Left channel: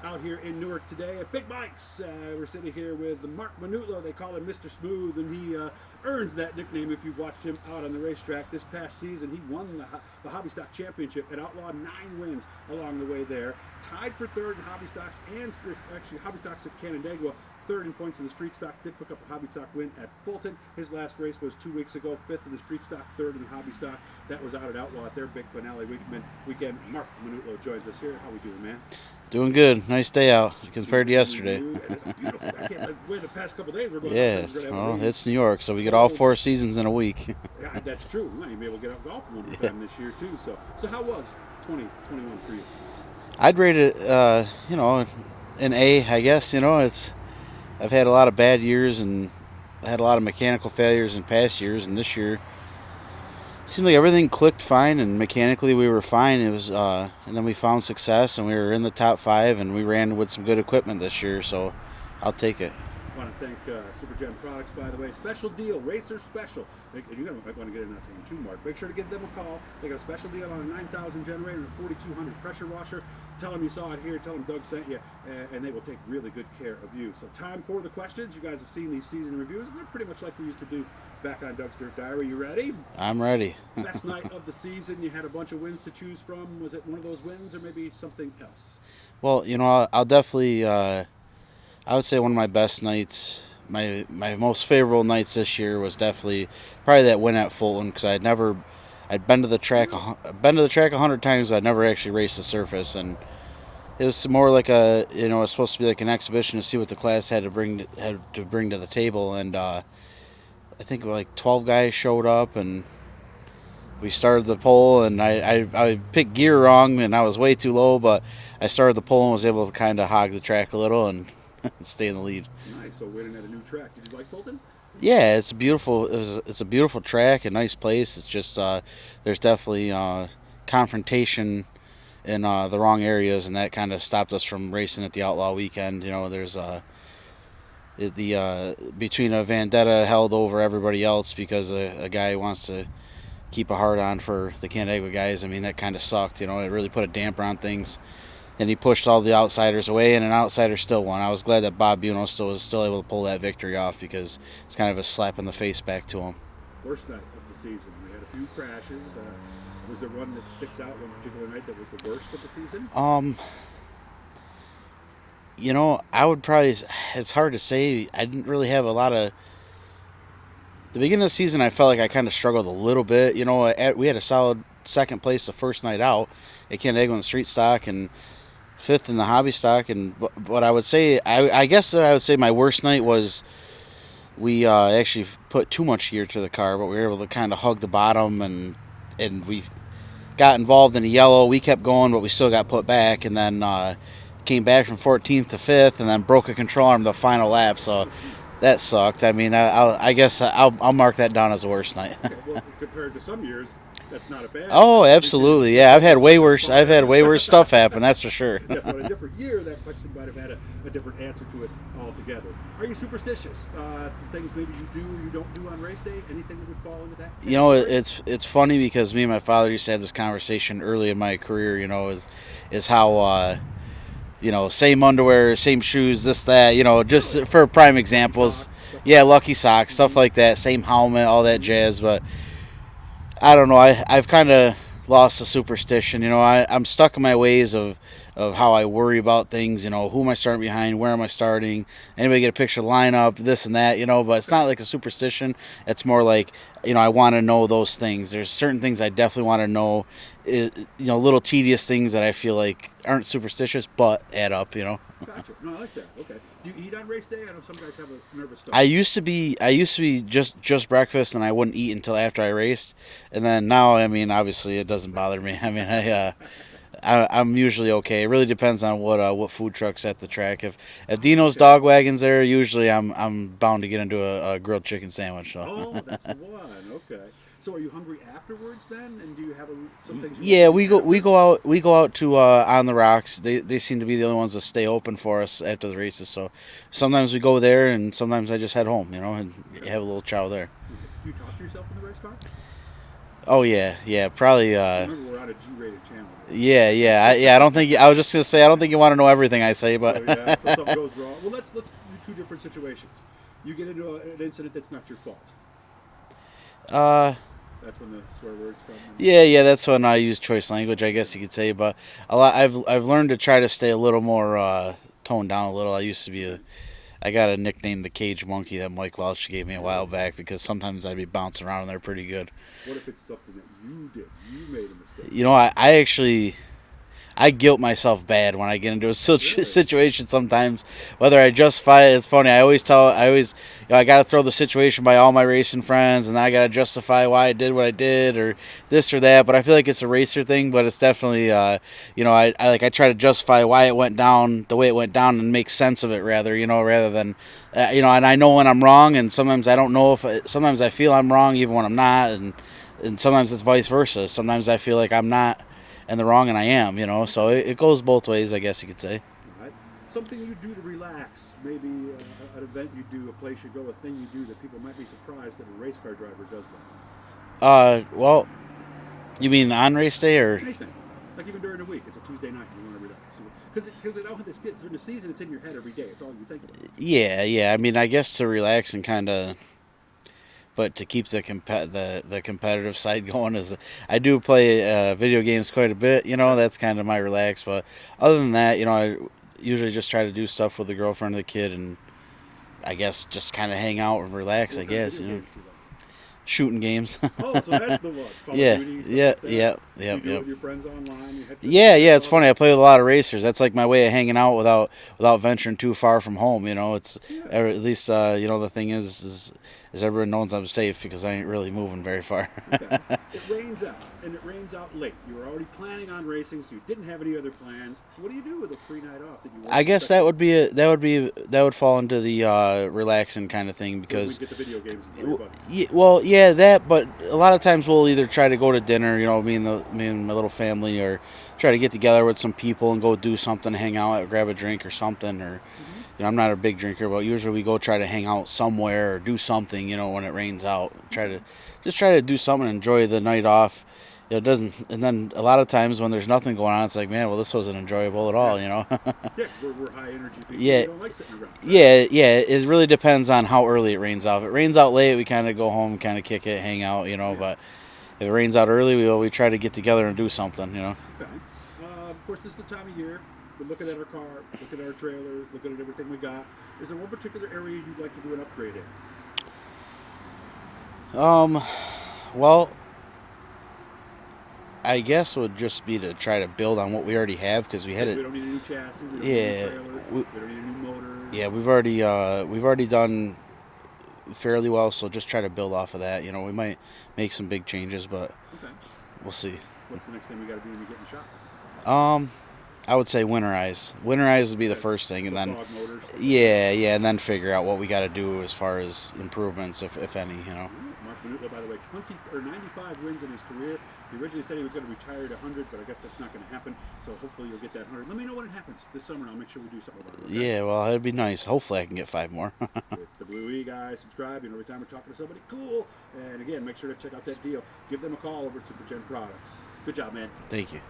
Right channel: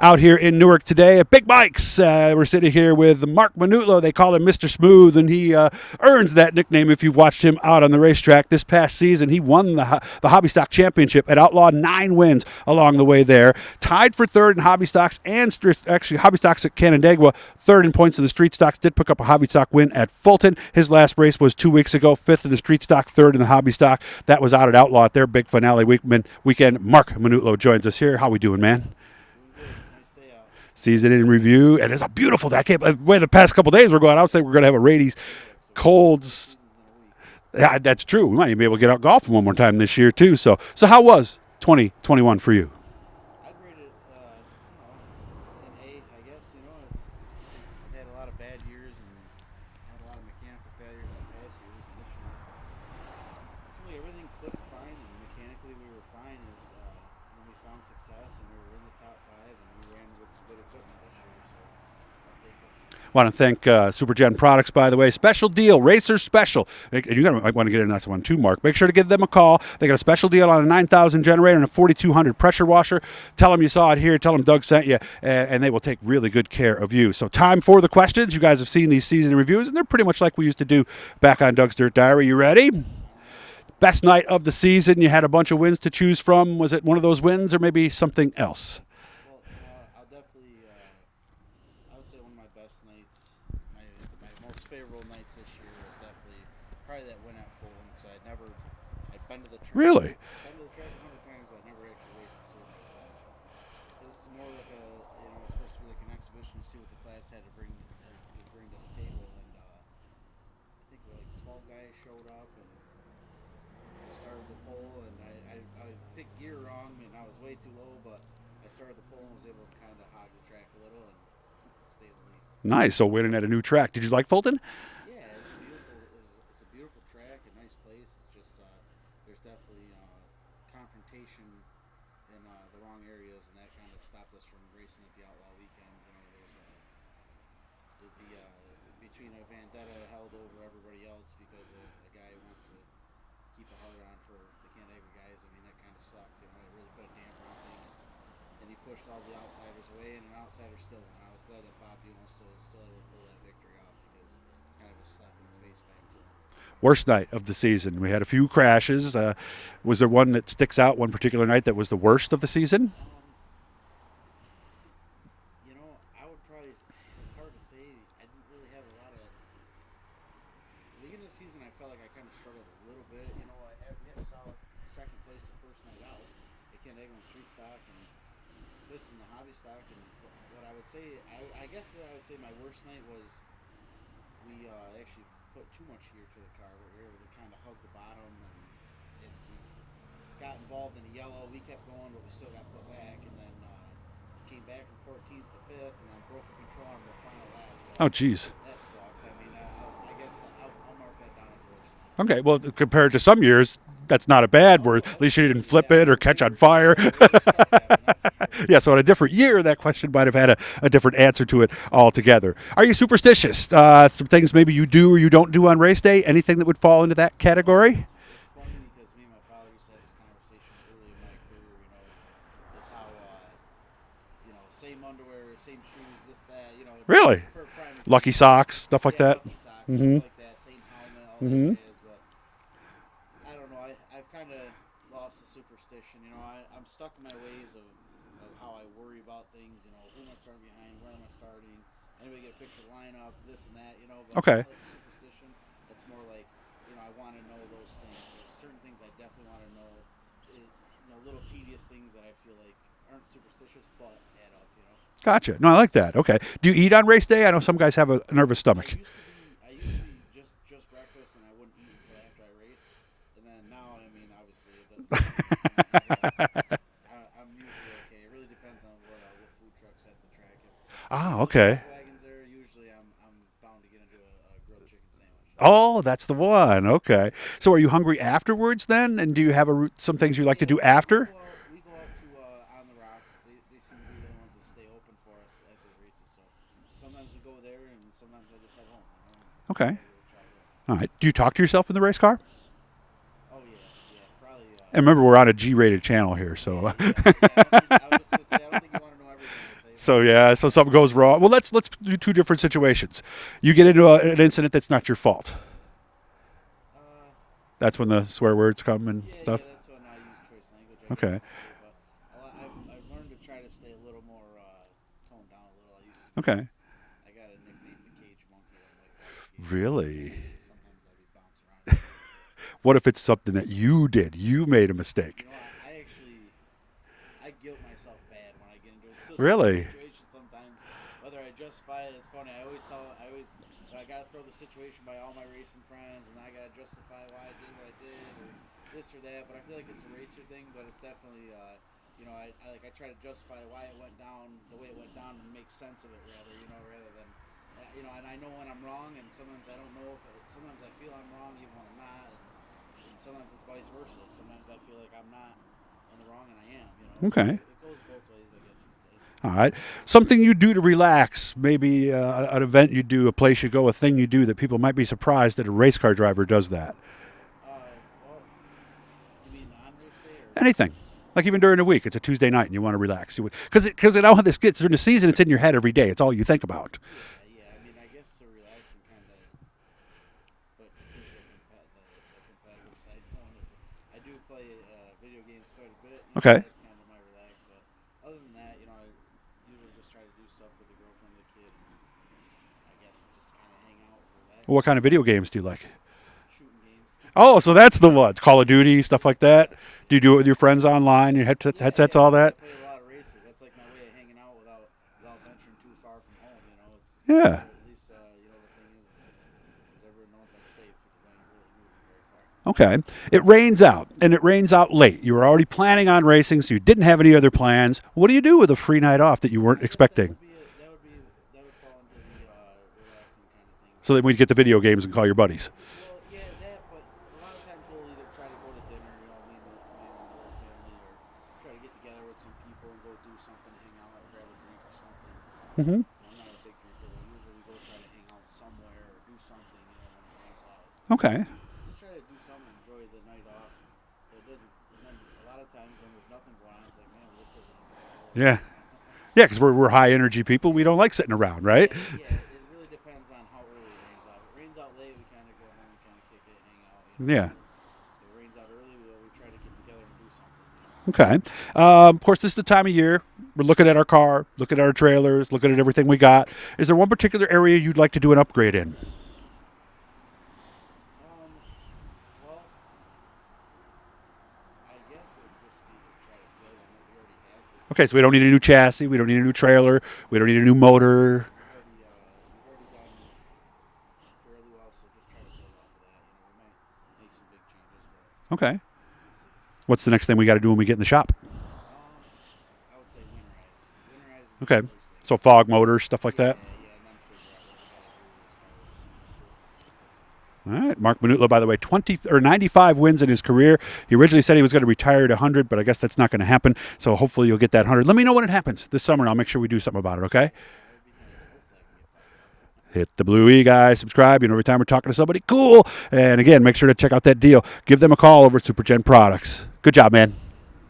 out here in Newark today at Big Mike's. We're sitting here with Marc Minutolo. They call him Mr. Smooth, and he earns that nickname if you've watched him out on the racetrack. This past season, he won the Hobby Stock Championship at Outlaw, 9 wins along the way there. Tied for third in Hobby Stocks and actually Hobby Stocks at Canandaigua, third in points in the Street Stocks. Did pick up a Hobby Stock win at Fulton. His last race was 2 weeks ago, 5th in the Street Stock, 3rd in the Hobby Stock. That was out at Outlaw at their big finale weekend. Marc Minutolo joins us here. How we doing, man? Doing good. Nice day out. Season in review, and it's a beautiful day. I can't wait. The past couple of days we're going out. I think we're going to have a rainy. It's New York, so we cold, get all 4 seasons in a week. Yeah, that's true. We might even be able to get out golfing one more time this year too. So how was 2021 for you? I'd rate it, an A, I guess. I've had a lot of bad years and had a lot of mechanical failures in past years, and this year seemed like everything clicked fine, and mechanically we were fine. It was, and then we found success, and we were in the top 5, and we ran with some good equipment this year. So, I'll take it. Want to thank SuperGen Products, by the way. Special deal, Racers Special. And you might want to get into that one too, Mark. Make sure to give them a call. They got a special deal on a 9,000 generator and a 4,200 pressure washer. Tell them you saw it here. Tell them Doug sent you, and they will take really good care of you. So time for the questions. You guys have seen these season reviews, and they're pretty much like we used to do back on Doug's Dirt Diary. You ready? I'm ready. Best night of the season. You had a bunch of wins to choose from. Was it one of those wins or maybe something else? Well, I'll definitely... I would say one of my best nights, my most favorable nights this year was definitely probably that win at Fulton, because I'd been to the track, Really? 100 times, but I'd never actually raced the surface, and it was more like it's supposed to be like an exhibition to see what the class had to bring to the table, and I think like 12 guys showed up, and we started the pole, and I picked gear wrong, and I was way too low, but I started the pole and was able to kind of hog the track a little and stay in the lead. Nice. So winning at a new track. Did you like Fulton? Yeah, it's beautiful. It's a beautiful track, a nice place. It's just there's definitely confrontation in the wrong areas, and that kind of stopped us from racing at the Outlaw weekend. There's between a vendetta held over everybody else because a guy wants to keep a hard on for the Canandaigua guys. I mean, that kind of sucked. It really put a damper on things. And he pushed all the outsiders away, and an outsider still won. I was glad that Bob Buno was still able to pull that victory off, because it's kind of a slap in the face back to him. Worst night of the season. We had a few crashes. Was there one that sticks out, one particular night that was the worst of the season? I would probably, it's hard to say. I didn't really have a lot of, the beginning of the season I felt like I kind of struggled a little bit. We had a solid second place the first night out at Canandaigua in the Street Stock, and 5th in the Hobby Stock. And what I would say, I guess I would say my worst night was we actually put too much gear to the car, but we were able to kind of hug the bottom, and we got involved in a yellow. We kept going, but we still got put back, and then came back from 14th to 5th, and then broke a control arm the final lap. So that sucked. I mean, I guess I'll mark that down as the worst night. Okay, well, compared to some years, that's not a bad. Oh, absolutely. Yeah, I've had way worse stuff happen. That's for sure. Yeah, so in a different year, that question might have had a different answer to it altogether. Are you superstitious? Some things maybe you do or you don't do on race day? Anything that would fall into that category? It's funny because me and my father used to have this conversation early in my career. Is how. Same underwear, same shoes, this, that, just really? For prime examples. Lucky socks, stuff like that? Yeah, lucky socks, stuff like that. Same helmet, all that jazz. But I don't know. I've kind of lost the superstition. I'm stuck in my ways of how I worry about things. Who am I starting behind? Where am I starting? Anybody get a picture of the lineup, this and that, But It's not like a superstition. It's more like, I want to know those things. There's certain things I definitely want to know. Little tedious things that I feel like aren't superstitious but add up. Gotcha. No, I like that. Okay. Do you eat on race day? I know some guys have a nervous stomach. I used to be just breakfast, and I wouldn't eat until after I raced. And then now, I mean, obviously it doesn't bother me. I mean, I'm usually okay. It really depends on what food truck's at the track. If Dino's Dog Wagon's there, usually I'm bound to get into a grilled chicken sandwich. So. Oh, that's the one. Okay. So are you hungry afterwards then? And do you have some things you like to do after? We go out to On the Rocks. They seem to be the only ones that stay open for us after the races. So sometimes we go there, and sometimes I just head home, and have a little chow there. All right. Do you talk to yourself in the race car? Oh yeah, probably. And remember, we're on a G-rated channel here. So. Yeah. I don't think I was just gonna say I don't think you want to know everything I say. But So something goes wrong. Well, let's do two different situations. You get into an incident that's not your fault. That's when the swear words come. And yeah, that's when I use choice language, I guess you could say. But I've learned to try to stay a little more toned down a little. I used to be. I got a nickname, the Cage Monkey, that Mike Welch gave me a while back because sometimes I'd be bouncing around and they're pretty good. What if it's something that you did? You made a mistake. You know, I actually guilt myself bad when I get into a situation sometimes. Whether I justify it, it's funny. I got to throw the situation by all my racing friends, and I got to justify why I did what I did or this or that. But I feel like it's a racer thing, but it's definitely, I try to justify why it went down the way it went down and make sense of it rather than, and I know when I'm wrong, and sometimes I don't know sometimes I feel I'm wrong even when I'm not, and sometimes it's vice versa. Sometimes I feel like I'm not and the wrong, and I am, So it goes both ways, I guess you could say. All right. Something you do to relax, maybe an event you do, a place you go, a thing you do that people might be surprised that a race car driver does that. Well, you mean on race day or? Anything. Like even during the week, it's a Tuesday night and you want to relax. Because I know how this gets. During the season, it's in your head every day. It's all you think about. Yeah. I mean, I guess to relax and kind of... But to keep the competitive side going is I do play video games quite a bit. That's kind of my relax. But other than that, I usually just try to do stuff with the girlfriend or the kid, and I guess just kind of hang out and relax. What kind of video games do you like? Shooting games. Oh, so that's the ones. Call of Duty, stuff like that? Yeah, do you do it with your friends online? You headsets, it's all funny. that? I play with a lot of racers. That's like my way of hanging out without venturing too far from home. It's at least the thing is everyone knows I'm safe because I ain't really moving very far. Okay. It rains out, and it rains out late. You were already planning on racing, so you didn't have any other plans. What do you do with a free night off that you weren't expecting? I guess that would fall into the relaxing kind of thing. So that we'd get the video games and call your buddies. That. But a lot of times we'll either try to go to dinner, me and my little family, or try to get together with some people and go do something, hang out, grab a drink or something. Or I'm not a big drinker, but usually we go try to hang out somewhere or do something. When it rains out, try to do something and enjoy the night off. It doesn't, and then a lot of times when there's nothing going on, it's like, man, well, this wasn't enjoyable at all. Yeah, because we're high energy people. We don't like sitting around, right? Yeah. It really depends on how early it rains out. If it rains out late, we kind of go home, kind of kick it, hang out. But if it rains out early, we try to get together and do something. Okay. Of course, this is the time of year. We're looking at our car, looking at our trailers, looking at everything we got. Is there one particular area you'd like to do an upgrade in? Well, I guess would just be to try to build on what we already have because so we don't need a new chassis, we don't need a new trailer, we don't need a new motor. Yeah, we've already done fairly well, so just try to build off of that. We might make some big changes, but we'll see. What's the next thing we got to do when we get in the shop? I would say winterize. Winterize would be the first thing. So fog motors, stuff like that? Yeah, and then figure out what we got to do as far as improvements, if any. All right. Marc Minutolo, by the way, 95 wins in his career. He originally said he was going to retire at 100, but I guess that's not going to happen. So hopefully you'll get that 100. Let me know when it happens this summer, and I'll make sure we do something about it, okay? Yeah, well, it'd be nice. Hopefully I can get 5 more. Hit the Blue E, guys. Subscribe. Every time we're talking to somebody cool. And again, make sure to check out that deal. Give them a call over at SuperGen Products. Good job, man. Thank you.